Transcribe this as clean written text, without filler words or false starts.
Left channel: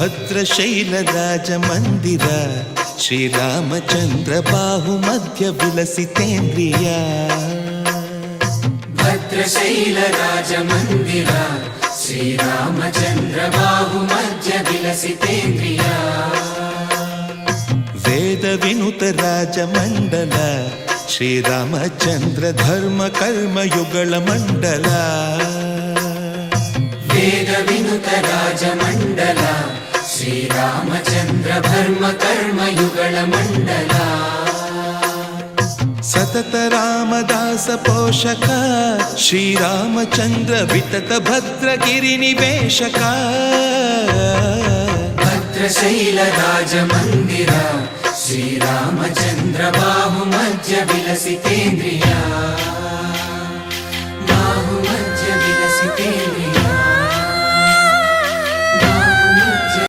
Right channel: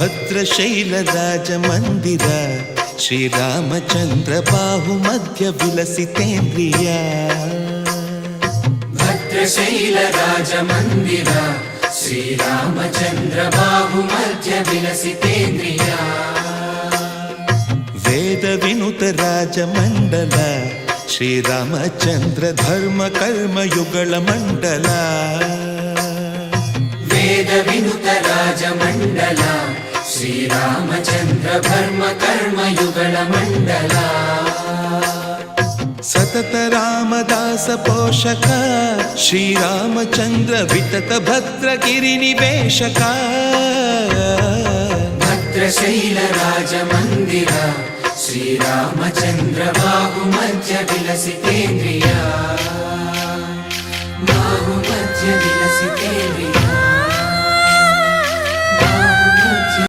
ಭದ್ರಶೈಲರಾಜಮಂದಿರ ಶ್ರೀರಾಮಚಂದ್ರ ಬಾಹುಮಧ್ಯ ವಿಲಸಿತೇಂದ್ರಿಯ. ಭದ್ರಶೈಲರಾಜಮಂದಿರ ಶ್ರೀರಾಮಚಂದ್ರ ಬಾಹುಮಧ್ಯ ವಿಲಸಿತೇಂದ್ರಿಯ. ವೇದ ವಿನುತ ರಾಜಮಂಡಲ ಶ್ರೀರಾಮಚಂದ್ರ ಧರ್ಮ ಕರ್ಮಯುಗಳ ಮಂಡಲ. ವೇದ ವಿನುತ ರಾಜಮಂಡಲ ಶ್ರೀರಾಮಚಂದ್ರ ಧರ್ಮ ಕರ್ಮಯುಗಳ ಮಂಡಲ. ಸತತ ರಾಮದಾಸ ಪೋಷಕ ಶ್ರೀರಾಮಚಂದ್ರ ವಿತತ ಭದ್ರಗಿರಿ ನಿವೇಶಕ. ಭದ್ರಶೈಲ ರಾಜಮಂದಿರ ಶ್ರೀರಾಮಚಂದ್ರ ಬಾಹುಮಧ್ಯ ವಿಲಸಿತೇಂದ್ರಿಯ.